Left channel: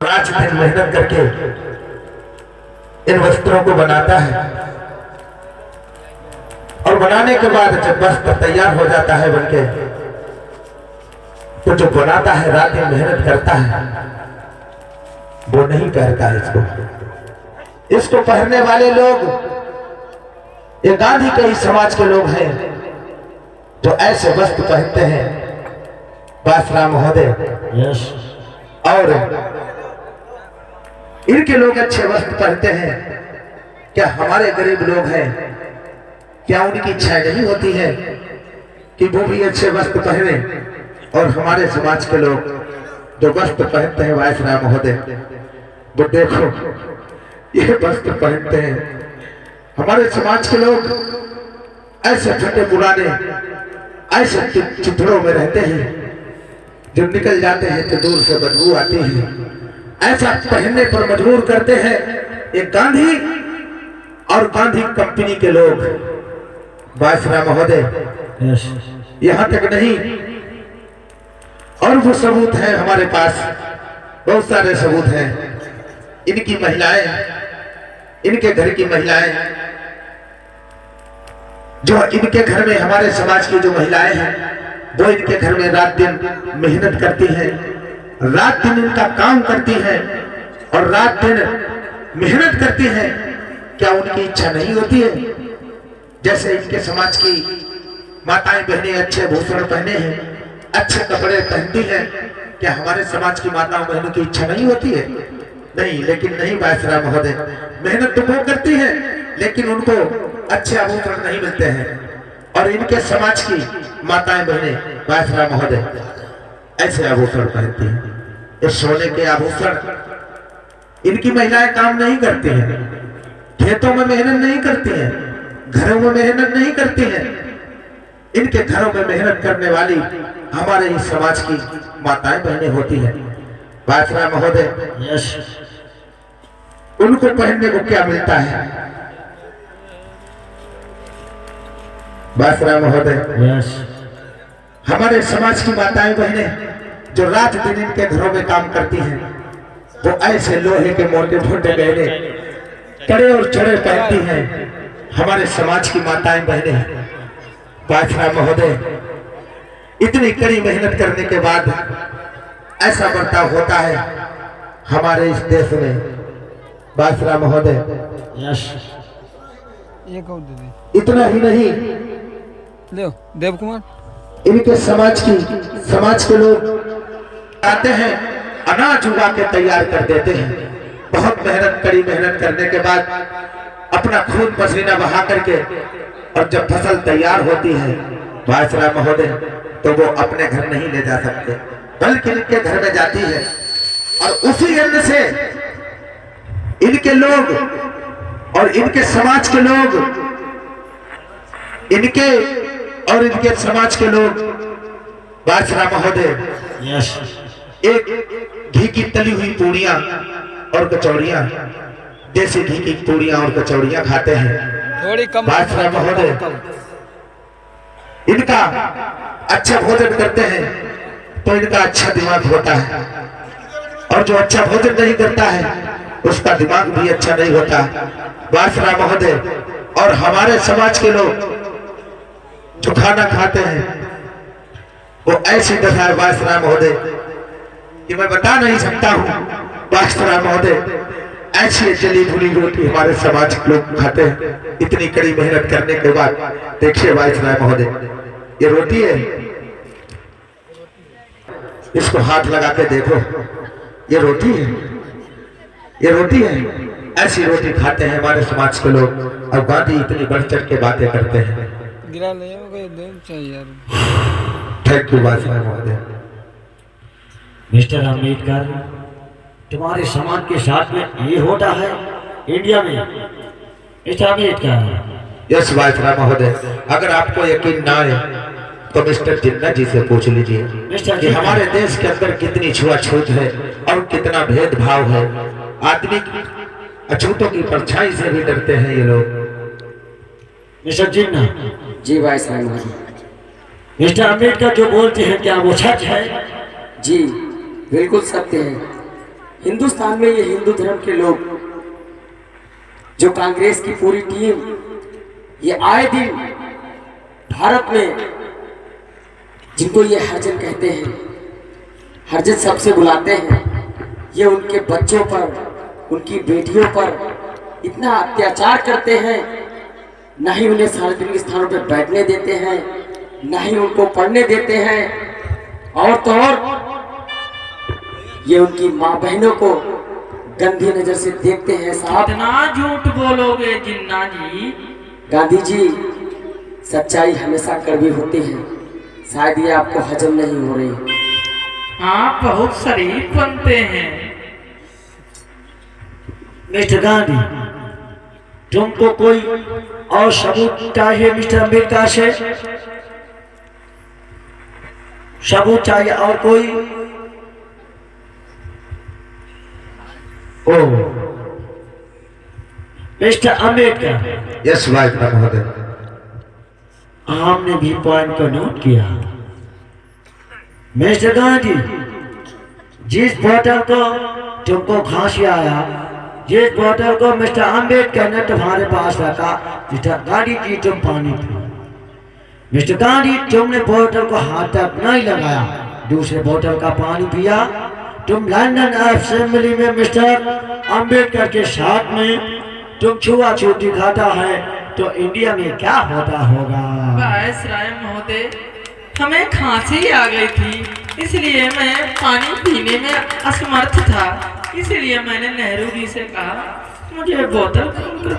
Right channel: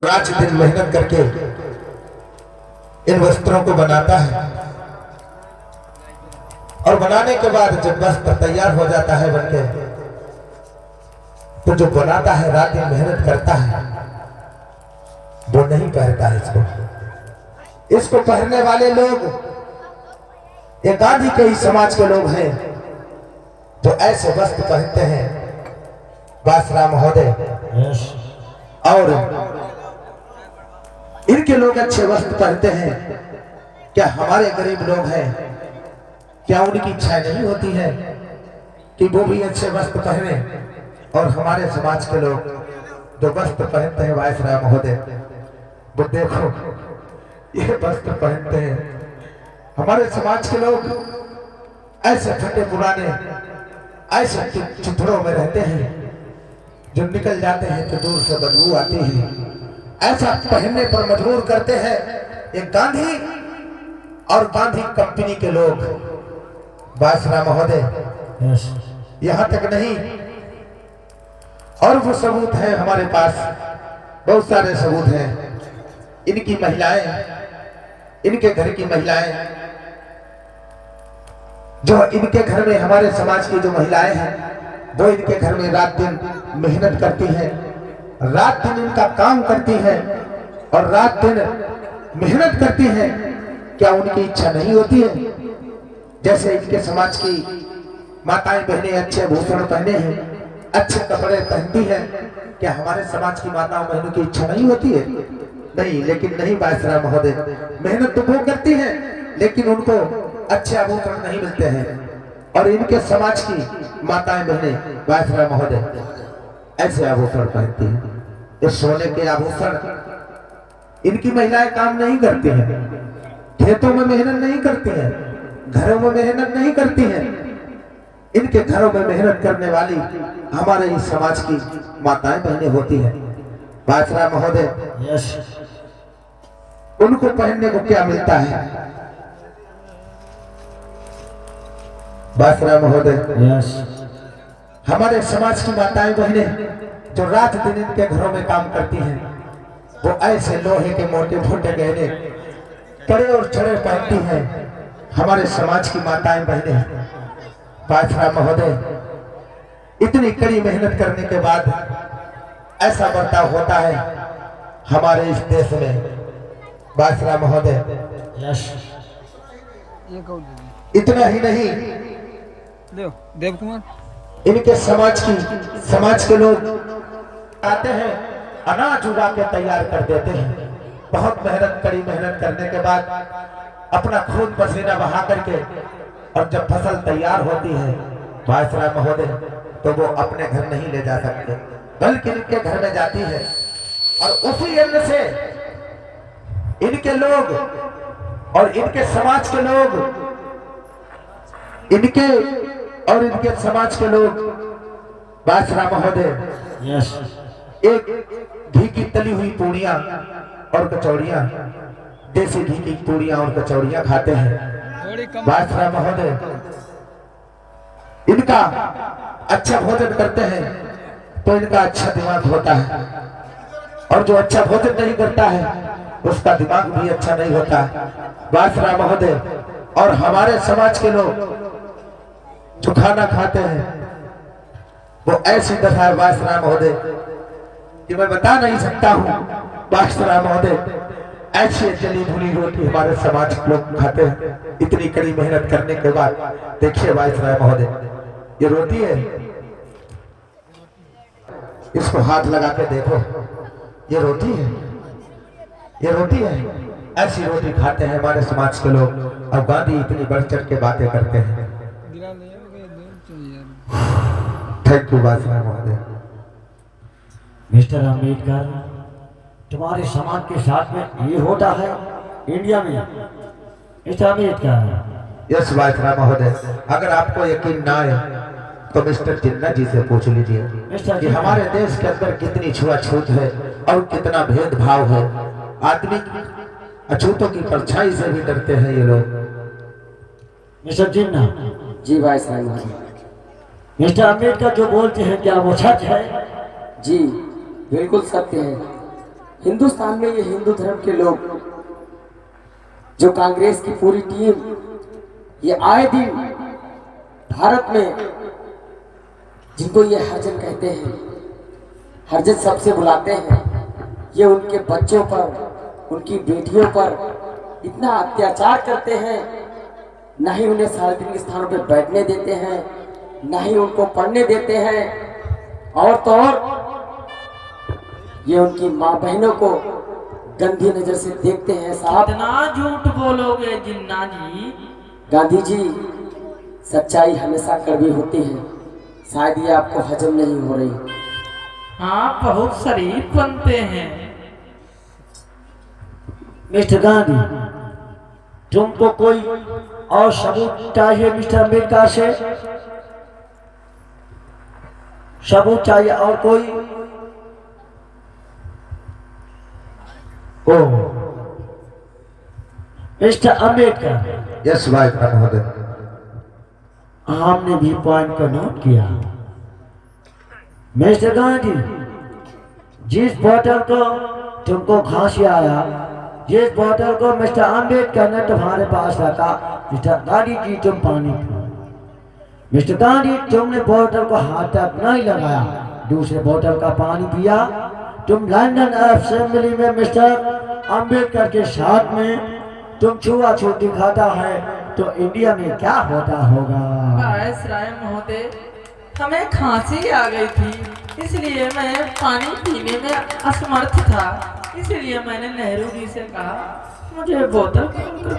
रात दिन मेहनत करके इन वस्त्रों को बनाता है और बनाने के बाद जब वस्त्र तैयार हो जाता है बनके, तो जो बनाता है रात दिन मेहनत करता है वो नहीं पहनता है। इसको पहनने वाले लोग ये गांधी के ही समाज के लोग हैं जो ऐसे वस्त्र पहनते हैं बासराम महोदय। और इनके लोग अच्छे वस्त्र पहनते हैं। क्या हमारे गरीब लोग हैं, क्या उनकी इच्छा नहीं होती है कि वो भी अच्छे वस्त्र पहने? और हमारे समाज के लोग जो वस्त्र पहनते हैं वायसराय महोदय, वो देखो ये वस्त्र पहनते हैं। हमारे समाज के लोग ऐसे फटे पुराने ऐसे चित्रों में रहते हैं, जब निकल जाते हैं तो दूर से बदबू आती है। ऐसा पहनने पर मजबूर करते हैं ये गांधी और गांधी कंपनी के लोग वायसराय महोदय। यहां तक नहीं, और वो सबूत है हमारे पास, बहुत सारे सबूत हैं। इनकी महिलाएं, इनके घर की महिलाएं, जो इनके घर में हमारे समाज की जो महिलाएं हैं वो इनके घर में रात दिन मेहनत करती हैं, रात दिन इनका काम करती हैं और रात दिन मेहनत करती हैं। क्या उनकी इच्छा नहीं होती है? जैसे इनके समाज की माताएं बहनें अच्छे भूषण पहने हैं, अच्छे कपड़े पहनती हैं, क्या हमारे समाज की माताओं बहनों की इच्छा नहीं होती है? नहीं, लेकिन नहीं वायसराय महोदय, मेहनत तो वो करती है लेकिन उनको अच्छे आभूषण नहीं मिलते हैं। और इनके समाज की माताएं बहनें वायसराय महोदय ऐसे आभूषण पहनती हैं। इस सोने के आभूषण इनकी महिलाएं काम नहीं करती हैं, खेतों में मेहनत नहीं करती हैं, घरों में मेहनत नहीं करती हैं। इनके घरों में मेहनत करने वाली हमारे ही समाज की माताएं बहनें होती हैं। वायसराय महोदय, उनको पहनने को क्या मिलता है? वायसराय महोदय, हमारे समाज की माताएं बहनें जो रात दिन इनके घरों में काम करती हैं, वो ऐसे लोहे के मोटे मोटे गहने कड़े और चढ़े पहनती हैं। हमारे समाज की माताएं बहनें वायसराय महोदय, इतनी कड़ी मेहनत करने के बाद ऐसा बर्ताव होता है हमारे इस देश में। वायसराय महोदय, इतना ही नहीं, देव कुमार, इनके समाज के लोग आते हैं, अनाज उगा के तैयार कर देते हैं। बहुत मेहनत, कड़ी मेहनत करने के बाद अपना खून पसीना बहा करके, और जब फसल तैयार होती है वायसराय महोदय, तो वो अपने घर नहीं ले जा सकते, बल्कि इनके घर में जाती है। और उसी अन्न से इनके लोग और इनके समाज के लोग, इनके और इनके समाज के लोग वायसराय महोदय एक घी की तली हुई पूड़ियां और कचौड़ियां, देसी घी की पूड़ियां और कचौड़ियां खाते हैं। वायसराय महोदय, इनका अच्छा भोजन करते हैं तो इनका अच्छा दिमाग होता है, और जो अच्छा भोजन नहीं करता है उसका दिमाग भी अच्छा नहीं होता। वायसराय महोदय, और हमारे समाज के लोग जो खाना खाते हैं वो ऐसी दशा है वायसराय महोदय कि मैं बता नहीं सकता हूँ। वायसराय महोदय, ऐसी जली भुनी रोटी हमारे समाज के लोग खाते हैं इतनी कड़ी मेहनत करने के बाद। देखिए वायसराय महोदय, ये रोटी है, इसको हाथ लगा के देखो, ये रोटी है, ये रोटी है। ऐसी रोटी खाते हैं हमारे समाज के लोग, और गांधी इतनी बढ़ चढ़ के बातें करते हैं। थैंक यू वायसराय महोदय। मिस्टर अम्बेडकर, तुम्हारे समाज के साथ में ये होता है इंडिया में? मिस्टर अम्बेडकर। यस वायसराय महोदय, अगर आपको यकीन ना आए तो मिस्टर जिन्ना जी से पूछ लीजिए कि हमारे देश के अंदर कितनी छुआछूत है और कितना भेदभाव है। आदमी अछूतों की परछाई से भी डरते हैं ये लोग। मिस्टर जिन्ना जी वायसराय महोदय। मिस्टर अम्बेडकर जो बोलते हैं क्या वो सच है? जी बिल्कुल सत्य है। हिंदुस्तान में ये हिंदू धर्म के लोग, जो कांग्रेस की पूरी टीम, ये आए दिन भारत में जिनको ये हरिजन कहते हैं, हरिजन सबसे बुलाते हैं, ये उनके बच्चों पर, उनकी बेटियों पर इतना अत्याचार करते हैं, न ही उन्हें सार्वजनिक स्थानों पर बैठने देते हैं, न ही उनको पढ़ने देते हैं, और तो और ये उनकी माँ बहनों को गंदी नजर से देखते हैं। साहब, कितना झूठ बोलोगे जिन्ना जी। गांधी जी, सच्चाई हमेशा कड़वी होती है, शायद ये आपको हजम नहीं हो रही। आप बहुत शरीफ बनते हैं। मिस्टर गांधी, तुमको कोई और सबूत चाहिए मिस्टर अम्बेडकर से? सबूत चाहिए और कोई? ओ मिस्टर अम्बेडकर, यस वाइस महोदय। हमने भी पॉइंट को नोट किया। मिस्टर गांधी, जिस बॉटल को तुमको खांसी आया, जिस बॉटल को मिस्टर अम्बेडकर ने तुम्हारे पास रखा, मिस्टर गांधी जी तुम पानी पियो। मिस्टर गांधी, तुमने बोतल को हाथ तक नहीं लगाया, दूसरे बोतल का पानी पिया। तुम लंदन असेंबली में मिस्टर अम्बेडकर के साथ में तुम छुआछूत दिखाता है, तो इंडिया में क्या होता होगा? वायसराय महोदय, हमें खांसी आ गई थी, इसलिए मैं पानी पीने में असमर्थ था, इसलिए मैंने नेहरू जी से कहा मुझे बोतल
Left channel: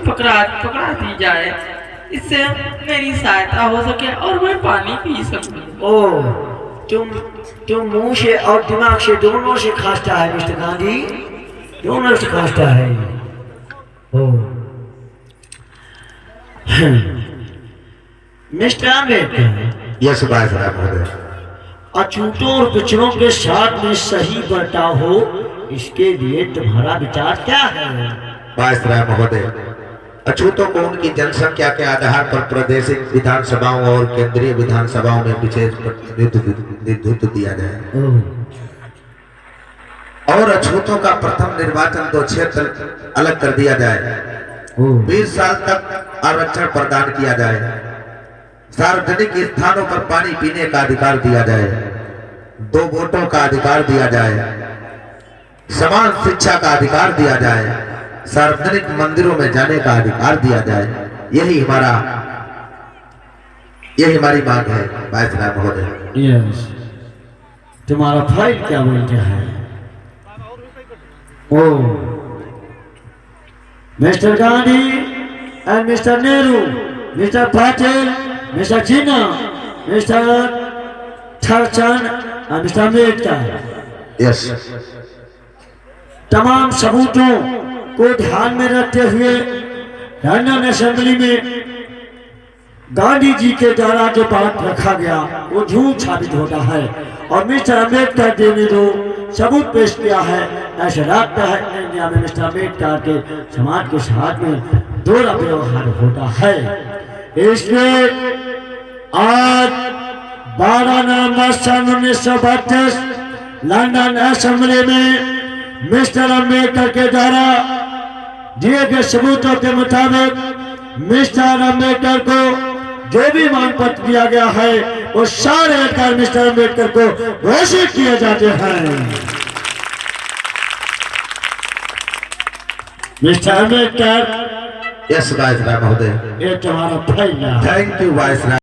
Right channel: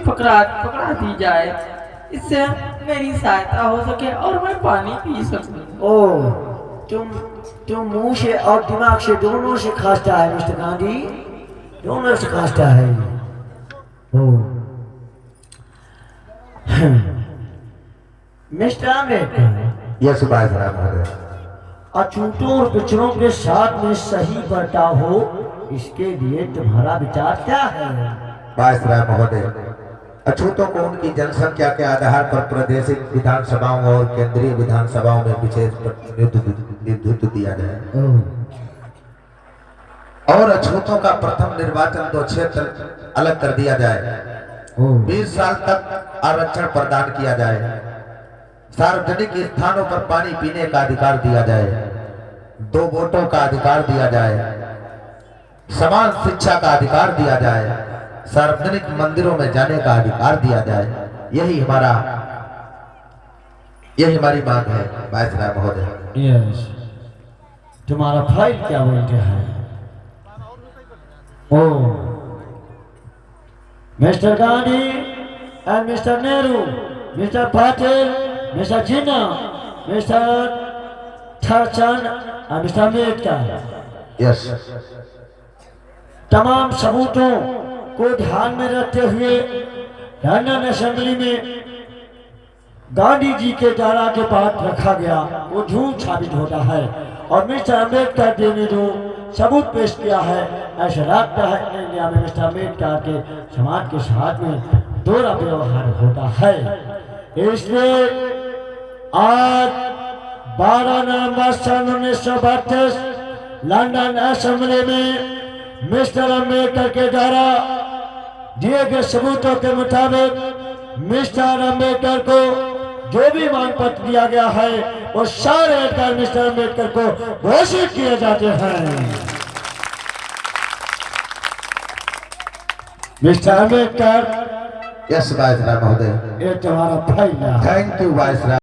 पकड़ा दी जाए, इससे मेरी सहायता हो सके और मैं पानी पी सकूं। ओ, तुम मुंह से और दिमाग से दोनों से खांसता है मिस्टर गांधी, दोनों से खांसता है। ओ मिस्टर अम्बेडकर, यस वाइस महोदय। अछूतों और पिछड़ों के साथ में सही बर्ताव हो, इसके लिए तुम्हारा विचार क्या है? वाइस महोदय, अछूतों को उनकी जनसंख्या के आधार पर प्रादेशिक विधानसभाओं और केंद्रीय विधानसभाओं में विशेष प्रतिनिधित्व दिया जाए और अछूतों का प्रथम निर्वाचन 2 क्षेत्र अलग कर दिया जाए। 20 साल तक आरक्षण प्रदान किया जाए। सार्वजनिक स्थानों पर पानी पीने का अधिकार दिया जाए। 2 वोटों का अधिकार दिया जाए। समान शिक्षा का अधिकार दिया जाए। सार्वजनिक मंदिरों में जाने का अधिकार दिया जाए। यही हमारी मांग है वायसराय महोदय। यस, तुम्हारा फाइल क्या बोलते हैं? Oh mister Gandhi and mister Nehru, mister Patel, mister Jinnah, mister Tharchand और मिस्टर अम्बेडकर, यस, तमाम सबूतों को ध्यान में रखते हुए लंदन असेंबली में गांधी जी के द्वारा जो बात रखा गया वो झूठ साबित होता है, और मिस्टर अम्बेडकर जी ने जो सबूत पेश किया है, ऐसा लगता है इंडिया में मिस्टर अम्बेडकर के समाज के साथ में दोहरा व्यवहार होता है। इसलिए आज 12 नवंबर सन 1932 लंदन असेंबली में मिस्टर अम्बेडकर के द्वारा दिए गए सबूतों के मुताबिक मिस्टर अम्बेडकर को जो भी मांग पत्र दिया गया है वो सारे अधिकार मिस्टर अम्बेडकर को घोषित किए जाते हैं। मिस्टर अम्बेडकर, यस वायसराय महोदय। ये तुम्हारा फाइल है। Thank you viceroy.